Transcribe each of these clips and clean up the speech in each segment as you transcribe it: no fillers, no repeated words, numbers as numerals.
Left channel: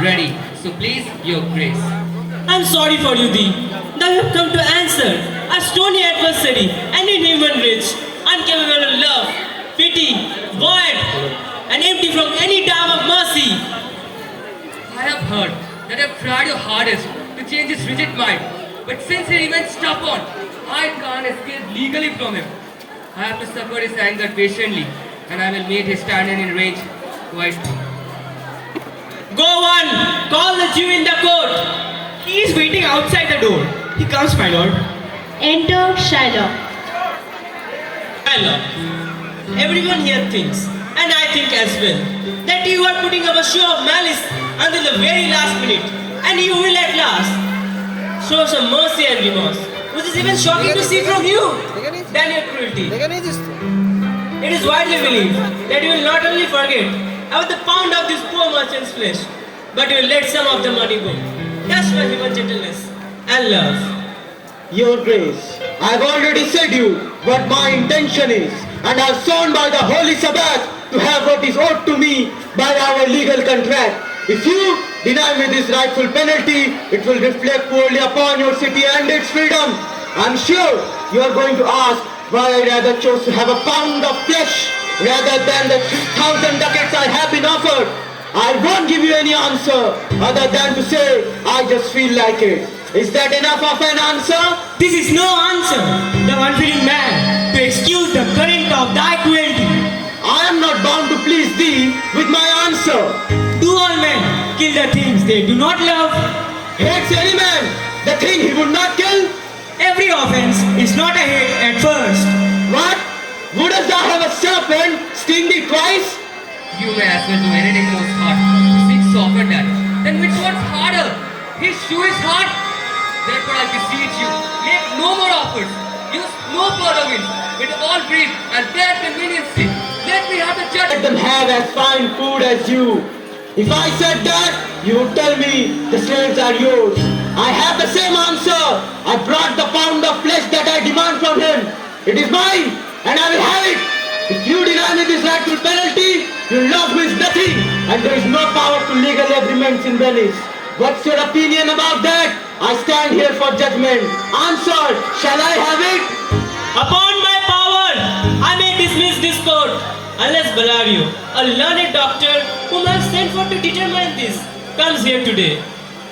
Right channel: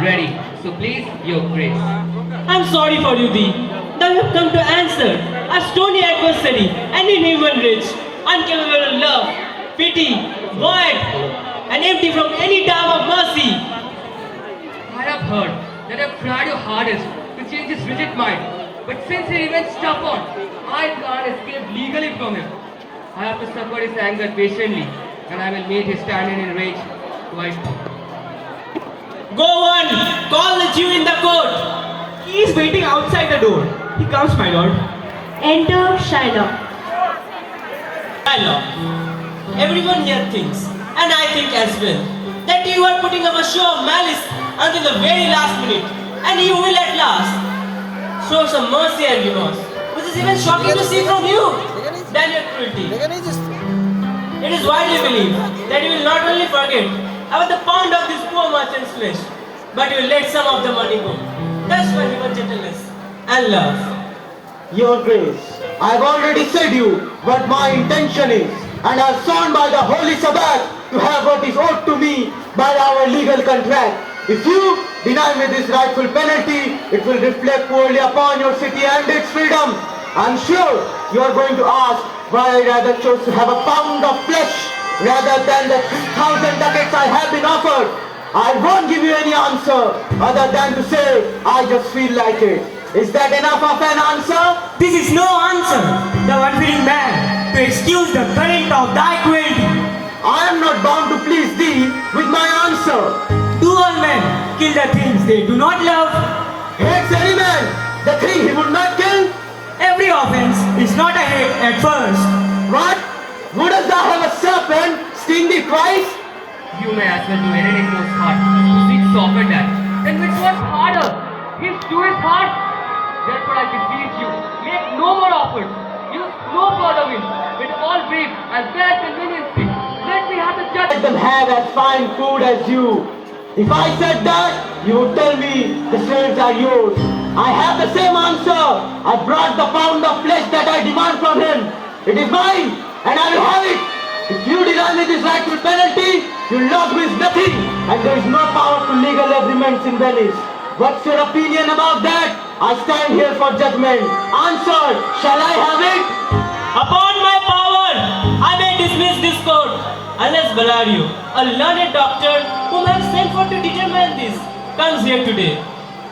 ready. So please, your grace. I'm sorry for you, Thee. Thou have come to answer a stony adversary and in human rich, incapable of love, pity, void, and empty from any dam of mercy. I have heard that I've tried your hardest to change his rigid mind, but since he remains stubborn, I can't escape legally from him. I have to suffer his anger patiently, and I will meet his standing in rage quite. Go on, call the Jew in the court. He is waiting outside the door. He comes, my lord. Enter Shiloh. Shiloh, everyone here thinks, and I think as well, that you are putting up a show of malice until the very last minute, and you will at last show some mercy and remorse, which is even shocking to see from you than your cruelty. It is widely believed that you will not only forget about the pound of this poor merchant's flesh, but you will let some of the money go. That's for human gentleness and love. Your Grace, I have already said you what my intention is, and I have sworn by the Holy Sabbath to have what is owed to me by our legal contract. If you deny me this rightful penalty, it will reflect poorly upon your city and its freedom. I am sure you are going to ask why I rather chose to have a pound of flesh rather than the 3,000 ducats I have been offered. I won't give you any answer other than to say I just feel like it. Is that enough of an answer? This is no answer, thou unfeeling man, to excuse the current of thy cruelty. I am not bound to please thee with my answer. Do all men kill the things they do not love? Hates any man the thing he would not kill? Every offense is not a hate at first. What? Wouldst thou have a serpent sting thee twice? You may as well do anything in his heart to seek soften that. Then which one's harder? His shoe is hard. Therefore I beseech you, make no more offers. Use no further winds. With all grief and fair conveniency, let me have the Let judgment. them have as fine food as you. If I said that, you would tell me the slaves are yours. I have the same answer. I brought the pound of flesh that I demand from him. It is mine, and I will have it. If you deny me this rightful penalty, your love means nothing, and there is no power to legal agreements in Venice. What's your opinion about that? I stand here for judgment. Answer, shall I have it? Upon my power, I may dismiss this court, unless Bellario, a learned doctor whom I have sent for to determine this, comes here today.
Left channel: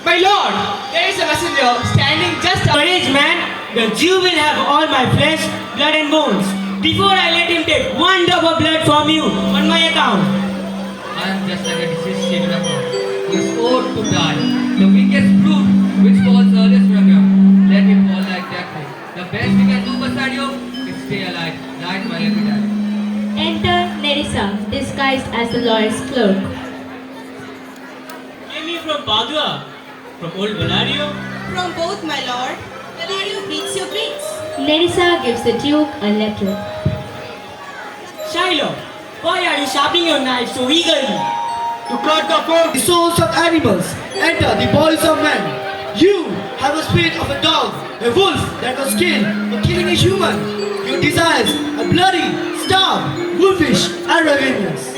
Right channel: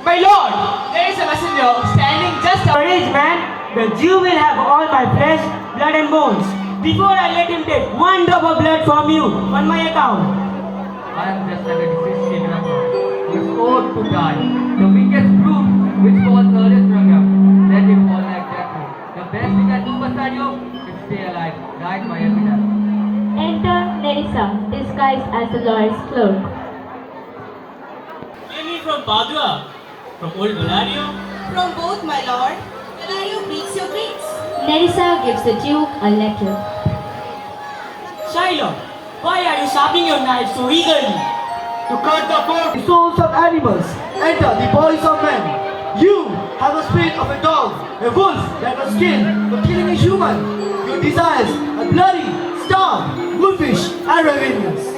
My lord, there is a messenger standing just courage, man. The Jew will have all my flesh, blood and bones, before I let him take one drop of blood from you on my account. I am just like a deceased sharecropper who is owed to die. The weakest brute which falls earliest from ground. Let me fall like that. The best we can do, Basario, is stay alive, like my every day. Enter Nerissa, disguised as the lawyer's clerk. Came you from Padua, from old Bellario. From both, my lord. Bellario greets your grace. Nerissa gives the Duke a letter. Shiloh, why are you sharpening your knife so eagerly? To cut the fork. The souls of animals enter the bodies of men. You have a spirit of a dog, a wolf that was killed for killing a human. Your desires are bloody, starved, wolfish, and ravenous.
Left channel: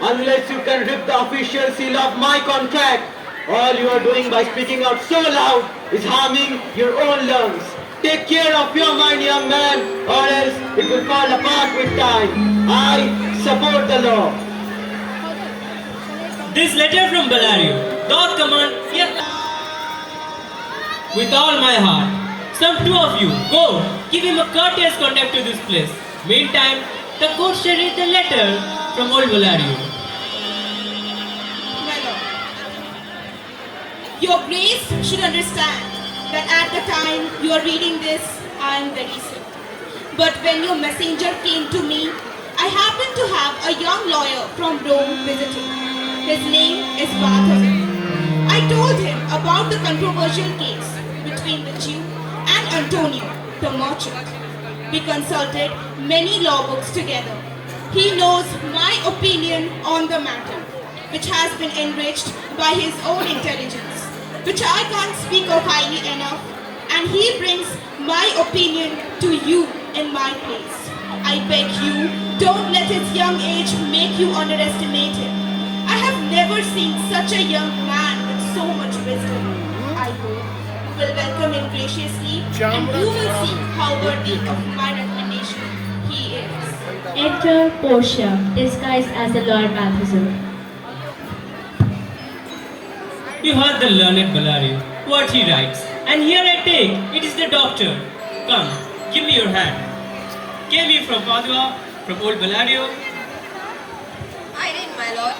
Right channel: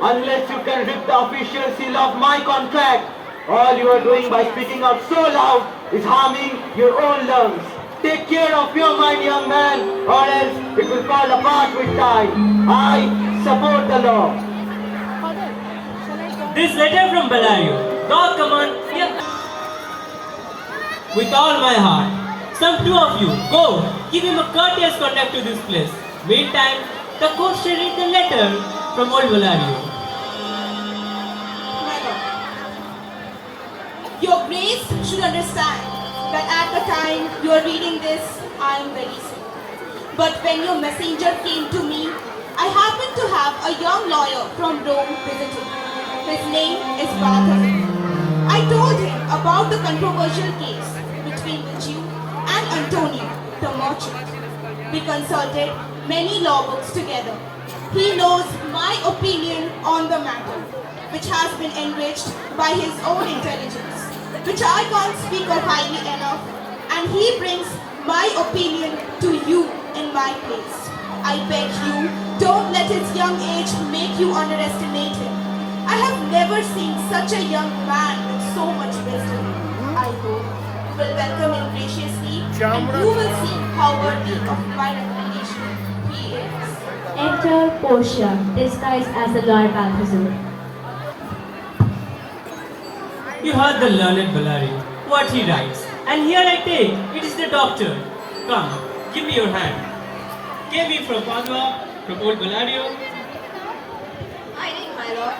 Unless you can rip the official seal of my contract, all you are doing by speaking out so loud is harming your own lungs. Take care of your mind, young man, or else it will fall apart with time. I support the law. This letter from Bellario, doth command, yet with all my heart. Some two of you, go, give him a courteous conduct to this place. Meantime, the court shall read the letter from old Bellario. My lord. Your grace should understand that at the time you are reading this, I am very sick. But when your messenger came to me, I happened to have a young lawyer from Rome visiting. His name is Barthel. I told him about the controversial case between the Jew and Antonio, the merchant. We consulted many law books together. He knows my opinion on the matter, which has been enriched by his own intelligence, which I can't speak of highly enough, and he brings my opinion to you in my place. I beg you, don't let his young age make you underestimate him. I have never seen such a young man will welcome him graciously, and you will see how worthy of my recommendation he is. Enter Portia, disguised as the Lord Balthazar. You heard the learned Bellario, what he writes, and here I take, it is the doctor. Come, give me your hand. Came you from Padua, from old Bellario? I did, my lord.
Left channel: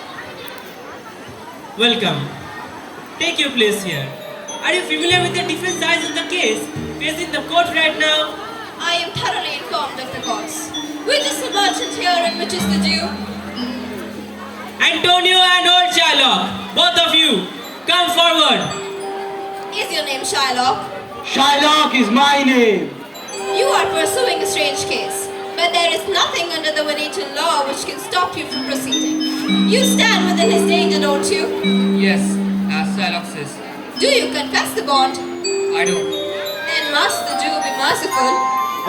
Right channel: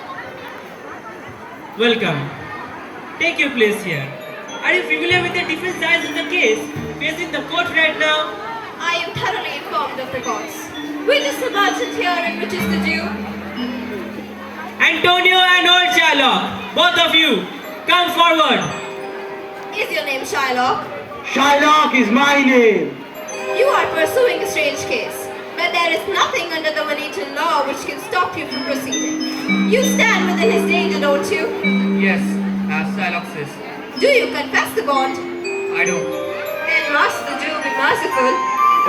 Welcome. Take your place here. Are you familiar with the different sides of the case facing the court right now? I am thoroughly informed of the cause. Which is the merchant here and which is the Jew? Antonio and old Shylock, both of you, come forward. Is your name Shylock? Shylock is my name. You are pursuing a strange case, but there is nothing under the Venetian law which can stop you from proceeding. You stand within his danger, don't you? Yes, as Shylock says. Do you confess the bond? I do. Then must the Jew be merciful?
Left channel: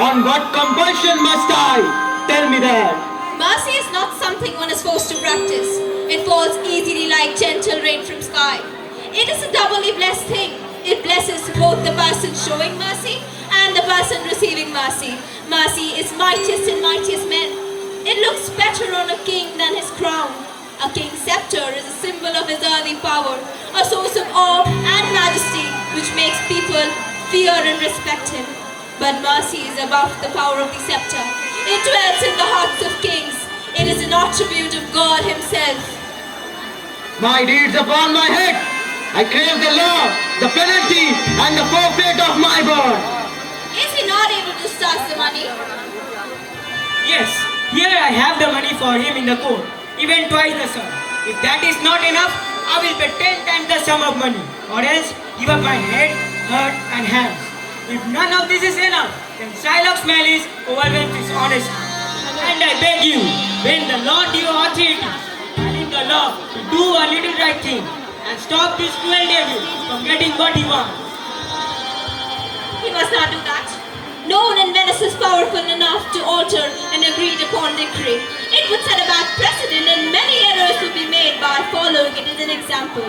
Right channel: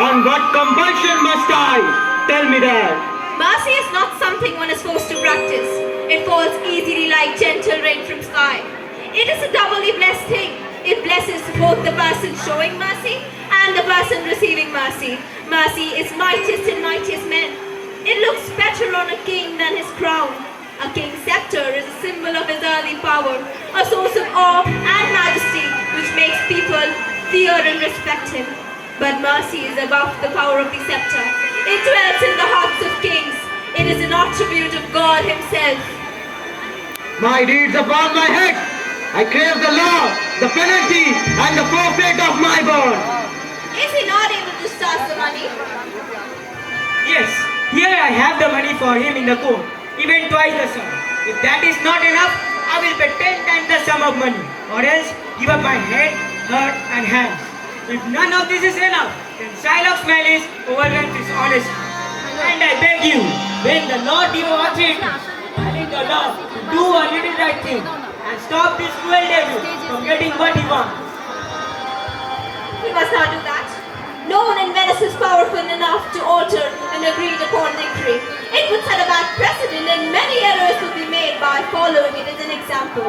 On what compulsion must I? Tell me that. Mercy is not something one is forced to practice. It falls easily like gentle rain from sky. It is a doubly blessed thing. It blesses both the person showing mercy and the person receiving mercy. Mercy is mightiest in mightiest men. It looks better on a king than his crown. A king's scepter is a symbol of his earthly power, a source of awe and majesty which makes people fear and respect him. But mercy is above the power of the scepter. It dwells in the hearts of kings. It is an attribute of God himself. My deeds upon my head. I crave the law, the penalty, and the forfeit of my bond. Is he not able to start the money? Yes, here I have the money for him in the court, even twice the sum. If that is not enough, I will pay 10 times the sum of money, or else give up my head, heart, and hands. If none of this is enough, then Shylock's malice overwhelms his honesty. And I beg you, bend the law to your authority, and in the law to do a little right thing, and stop this cruel devil from getting what he wants. He must not do that. No one in Venice is powerful enough to alter an agreed upon decree. It would set a bad precedent and many errors would be made by following it as an example.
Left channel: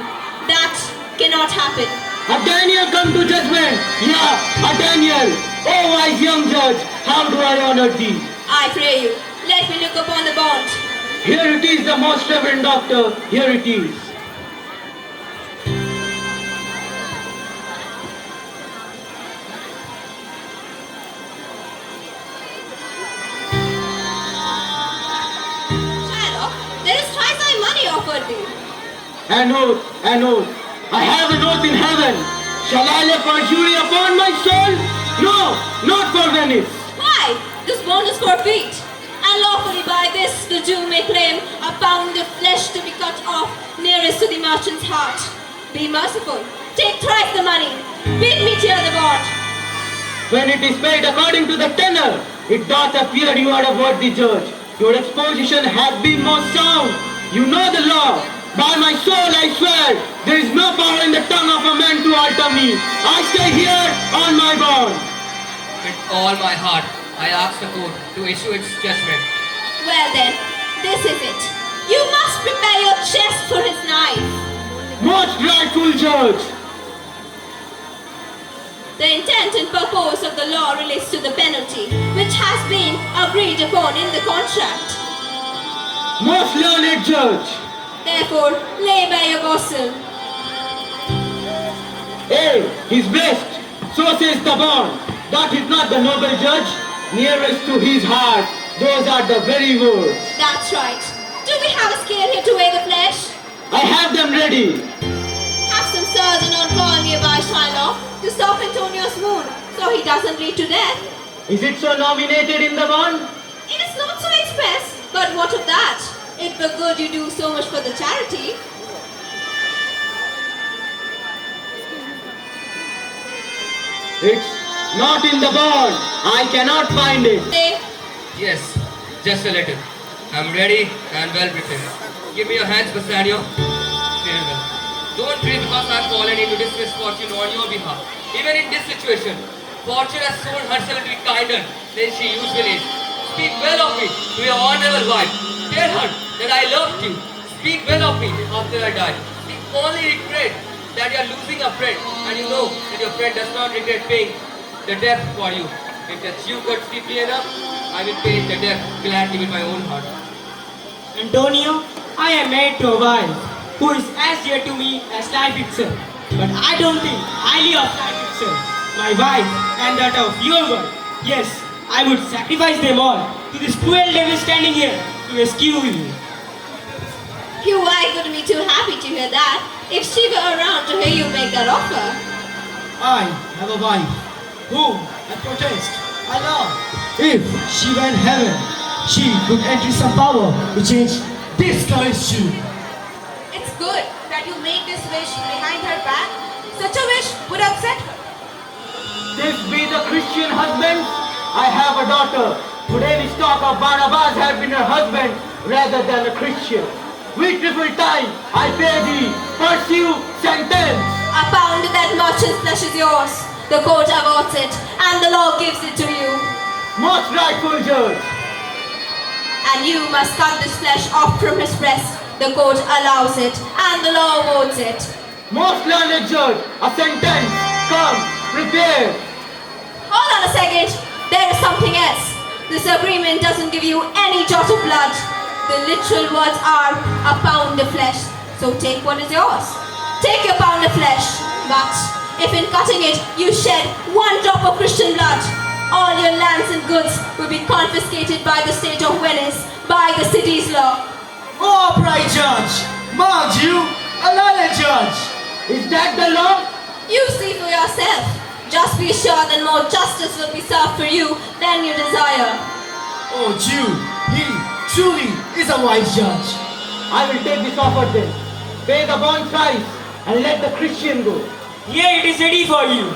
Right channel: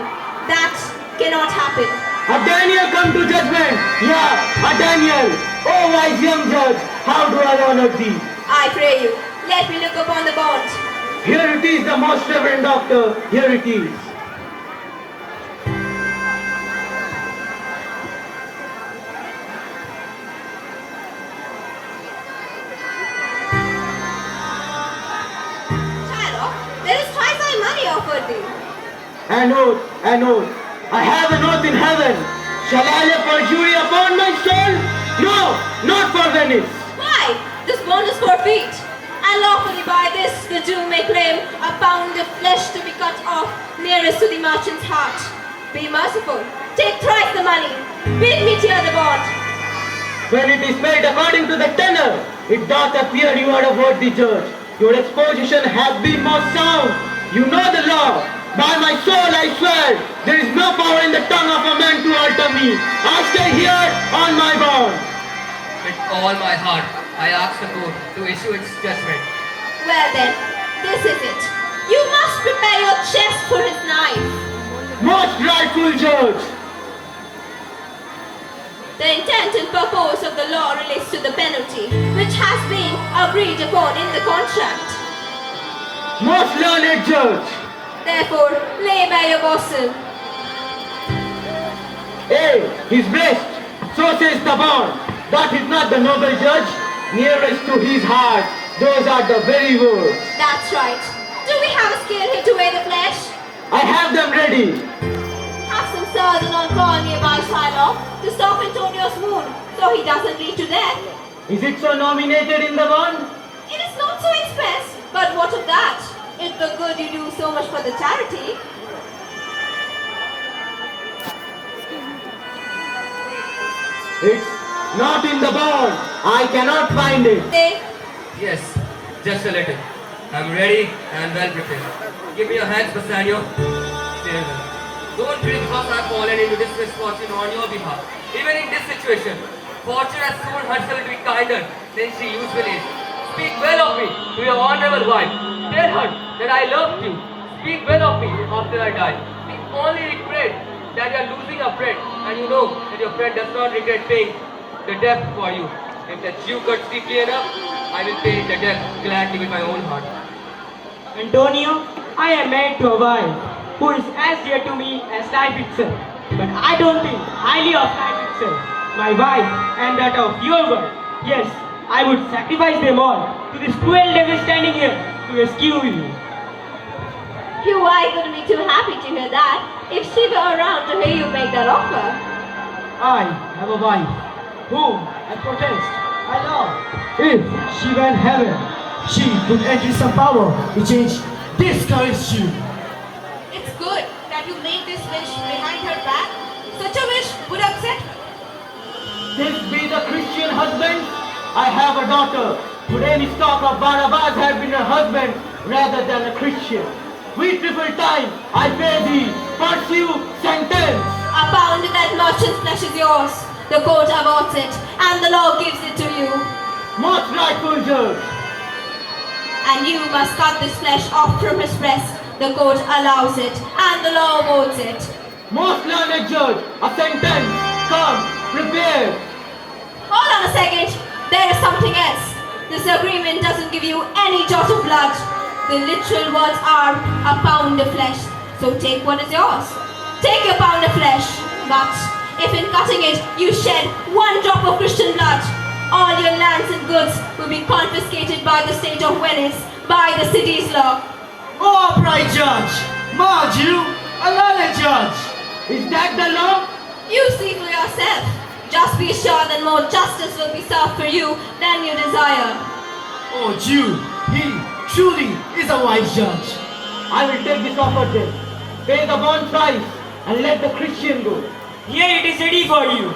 That cannot happen. A Daniel come to judgment. Yeah, a Daniel. Oh, wise young judge, how do I honor thee? I pray you, let me look upon the bond. Here it is, the most reverend doctor. Here it is. Shylock, there is twice thy money offered thee. An oath, an oath. I have an oath in heaven. Shall I lay perjury upon my soul? No, not for Venice. Why? This bond is forfeit. And lawfully by this the Jew may claim a pound of flesh to be cut off nearest to the merchant's heart. Be merciful. Take thrice the money. Bid me tear the bond. When it is paid according to the tenor, it doth appear you are a worthy judge. Your exposition hath been most sound. You know the law. By my soul I swear, there is no power in the tongue of a man to alter me. I stay here on my bond. With all my heart, I ask the court to issue its judgment. Well then, this is it. You must prepare your chest for his knife. Most rightful judge. The intent and purpose of the law relates to the penalty, which has been agreed upon in the contract. Most learned judge. Therefore, lay by your gospel. Hey, his best. So says the bond. That is not the noble judge. Nearest to his heart. Those are the very words. That's right. Do we have a scale here to weigh the flesh? I have them ready. Have some surgeon on call nearby Shylock to stop Antonio's wound so he doesn't bleed to death. Is it so nominated in the bond? It is not so express, but what of that? It's the good you do so much for the charity. It's not in the bond. I cannot find it. They Yes, just a little. I'm ready and well prepared. Give me your hands, Bassanio. Farewell. Don't grieve because I've fallen into this misfortune on your behalf. Even in this situation, fortune has shown herself to be kinder than she usually is. Speak well of me to your honorable wife. Tell her that I loved you. Speak well of me after I die. The only regret that you are losing a friend, and you know that your friend does not regret paying the debt for you. If that you got deeply enough, I will pay the debt gladly with my own heart. Antonio, I am married to a wife who is as dear to me as life itself. But I don't think highly of life itself. My wife and that of your wife. Yes, I would sacrifice them all to this cruel devil standing here to rescue you. You are going to be too happy to hear that if she were around to hear you make that offer. I have a wife whom I protest, I love. If she were in heaven, she could enter some power to change this cursed Jew. It's good that you made this wish behind her back. Such a wish would upset. This be the Christian husband? I have a daughter. Today we talk of Barnabas had been her husband rather than a Christian. We triple time, I pay thee, pursue, sentence. A pound that merchant's flesh is yours. The court awards it, and the law gives it to you. Most rightful judge. And you must cut this flesh off from his breast. The court allows it, and the law awards it. Most learned judge, a sentence. Come, prepare. Hold on a second. There is something else. This agreement doesn't give you any jot of blood. The literal words are a pound of flesh. So take what is yours. Take your pound of flesh. But if in cutting it you shed one drop of Christian blood, all your lands and goods will be confiscated by the state of Venice, by the city's law. Oh, upright judge, mind you, a learned judge. Is that the law? You see for yourself. Just be sure that more justice will be served for you than you desire. Oh, Jew, he truly is a wise judge. I will take this offer then. Pay the bond price and let the Christian go. Here it is ready for you.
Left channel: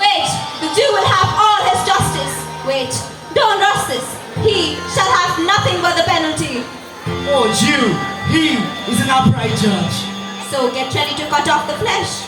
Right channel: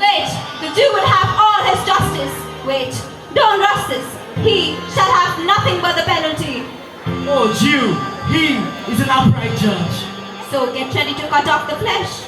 Wait, the Jew will have all his justice. Wait, don't rush this. He shall have nothing but the penalty. Oh, Jew, he is an upright judge. So get ready to cut off the flesh.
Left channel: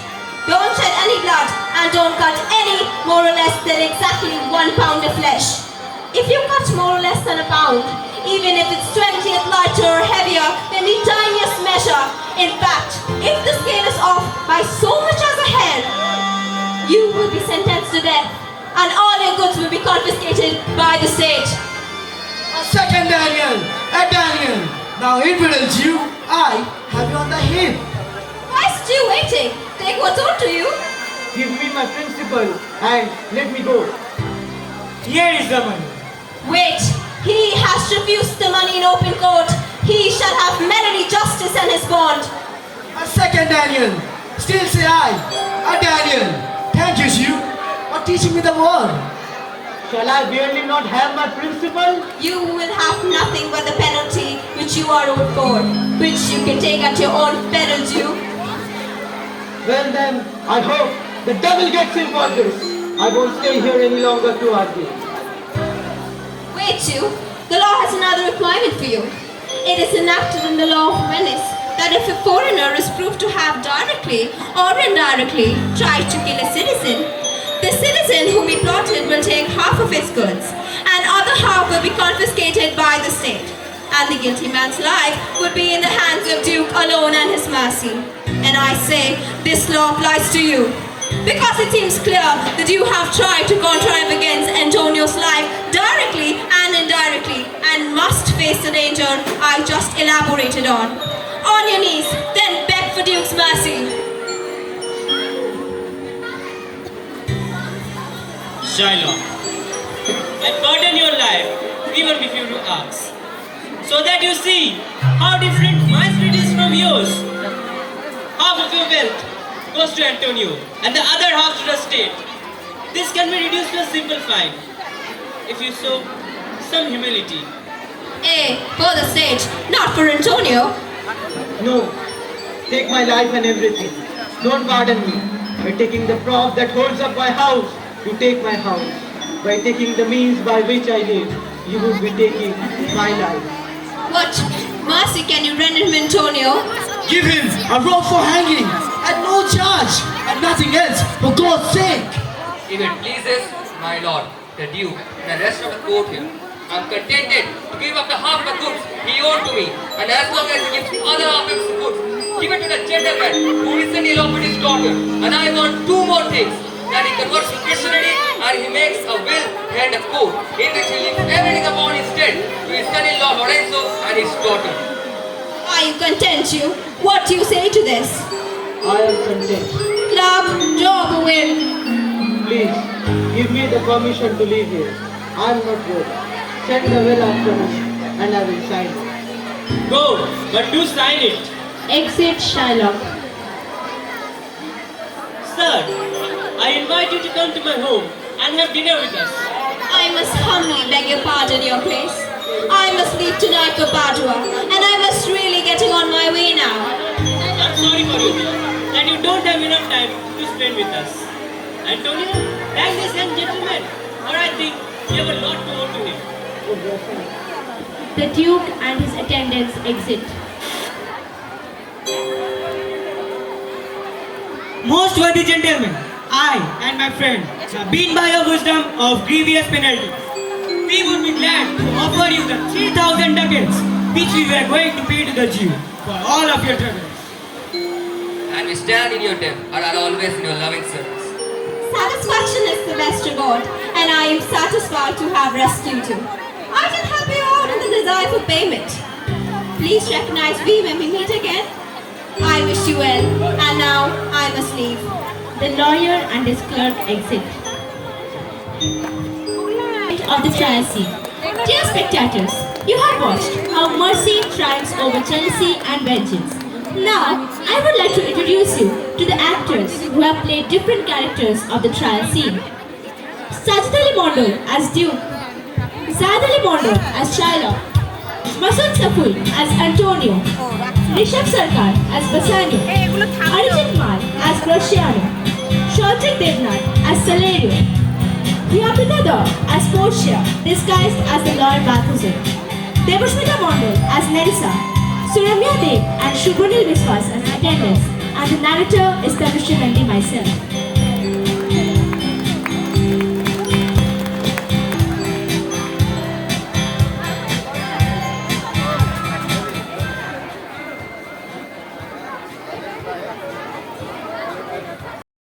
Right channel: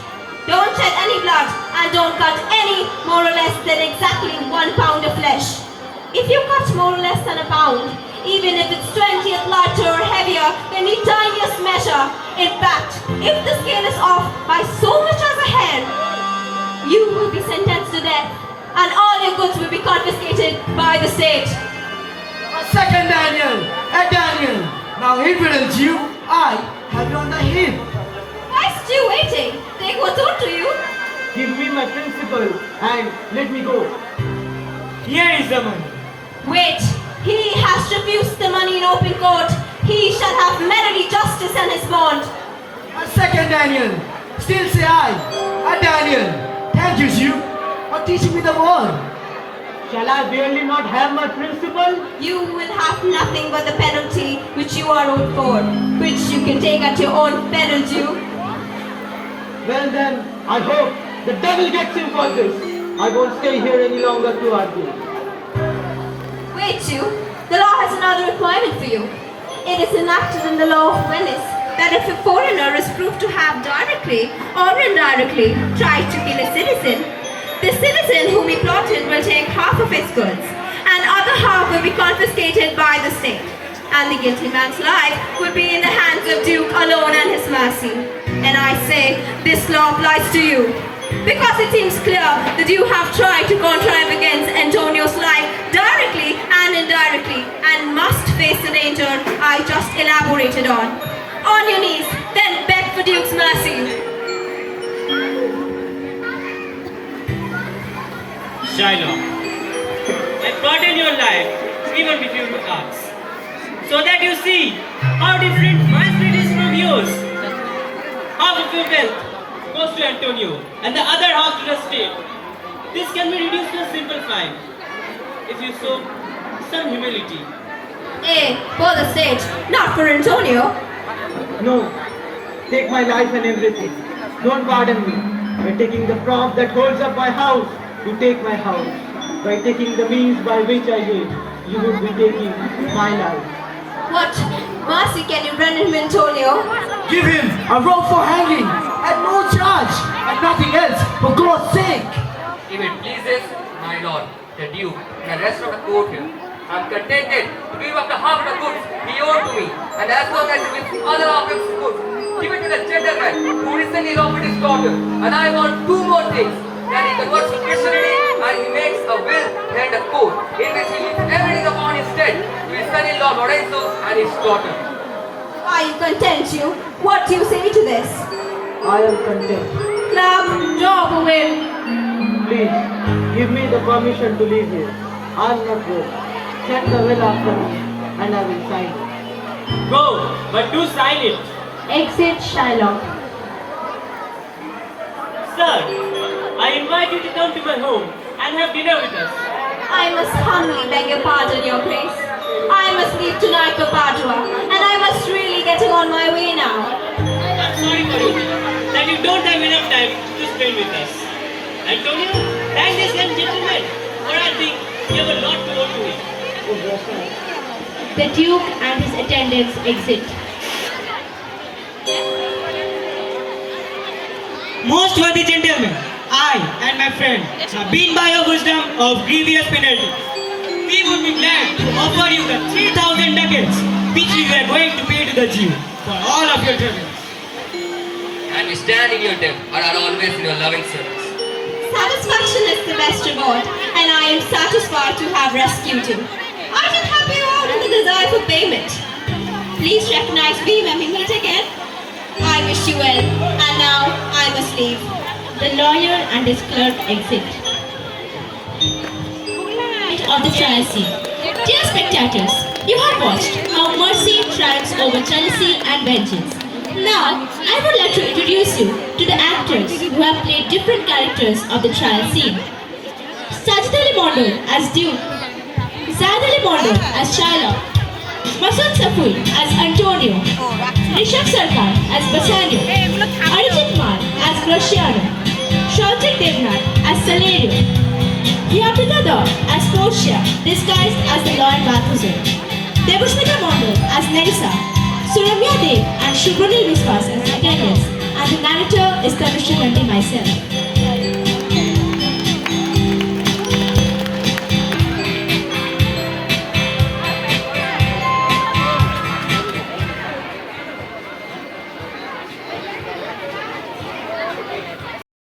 Don't shed any blood and don't cut any more or less than exactly 1 pound of flesh. If you cut more or less than a pound, even if it's 20th lighter or heavier than the tiniest measure, in fact, if the scale is off by so much as a hair, you will be sentenced to death and all your goods will be confiscated by the state. A second Daniel, a Daniel. Now, infidel Jew, I have you on the hip. Why is you waiting? Take what's owed to you. Give me my principal and let me go. Here is the money. Wait, he has refused the money in open court. He shall have merely justice and his bond. A second Daniel. Still say I, a Daniel. Thank you, Jew, for teaching me the word. Shall I really not have my principal? You will have nothing but the penalty which you are owed for, which you can take at your own peril, Jew. Well then, I hope the devil gets in for this. I won't stay here any longer to argue. Wait, Jew. The law has another requirement for you. It is enacted in the law of Venice that if a foreigner is proved to have directly or indirectly tried to kill a citizen, the citizen whom he plotted will take half of his goods, and other half will be confiscated by the state, and the guilty man's life will be in the hands of Duke alone and his mercy. And I say, this law applies to you, because it seems clear that you have tried to contrive against Antonio's life directly and indirectly, and must face the danger I just elaborated on. On your knees, then beg for Duke's mercy. Shiloh, I pardon your life even before you ask, so that you see how different my spirit is from yours. Half of your wealth goes to Antonio and the other half to the state. This can be reduced to a simple fine if you show some humility. For the state, not for Antonio. No, take my life and everything. Don't pardon me by taking the prop that holds up my house. To take my house. By taking the means by which I live, you would be taking my life. What mercy can you render him, Antonio? Give him a rope for hanging, at no charge, and nothing else, for God's sake. If it pleases my lord, the Duke, and the rest of the court here, I am contented to give up the half of the goods he owed to me, and as long as he gives other half of his goods Give it to the gentleman who recently eloped his daughter. And I want two more things. That he converts to Christianity and he makes a will and a code in which he leaves everything upon his dead to his son-in-law Lorenzo and his daughter. Are you content, you? What do you say to this? I am content. Club, draw up a will. Please, give me the permission to leave here. I am not broke. Send the will after me, and I will sign it. Go, but do sign it. Exit Shylock. Sir, I invite you to come to my home and have dinner with us. I must humbly beg your pardon, your grace. I must leave tonight for Padua, and I must really getting on my way now. I'm sorry for you, that you don't have enough time to spend with us. Antonio, thank this young gentleman, for I think you have a lot to owe to him. Oh, yes, sir. The Duke and his attendants exit. Most worthy gentlemen, I and my friend have been by your wisdom of grievous penalty. We would be glad to offer you the 3,000 ducats which we were going to pay to the Jew for all of your troubles. And we stand in your debt and are always in your loving service. Satisfaction is the best reward, and I am satisfied to have rescued you. I did have you out in the desire for payment. Please recognize me when we meet again. I wish you well, and now I must leave. The lawyer and his clerk exit. Of the trial scene. Dear spectators, you have watched how mercy triumphs over jealousy and vengeance. Now, I would like to introduce you to the actors who have played different characters of the trial scene. Sajid Ali Mondo as Duke, Zaid Ali Mondo as Shylock, Masood Sapui as Antonio, Rishabh Sarkar as Bassanio, Arijit Mal as Graciano, Shautik Devnath as Salario, Priyamrita Daur as Portia, disguised as the Lord Balthazar, Devasmita Mondal as Nerissa, Suramya Dev and Shubhanil Viswas as attendants, and the narrator is Commissioner Nandi myself.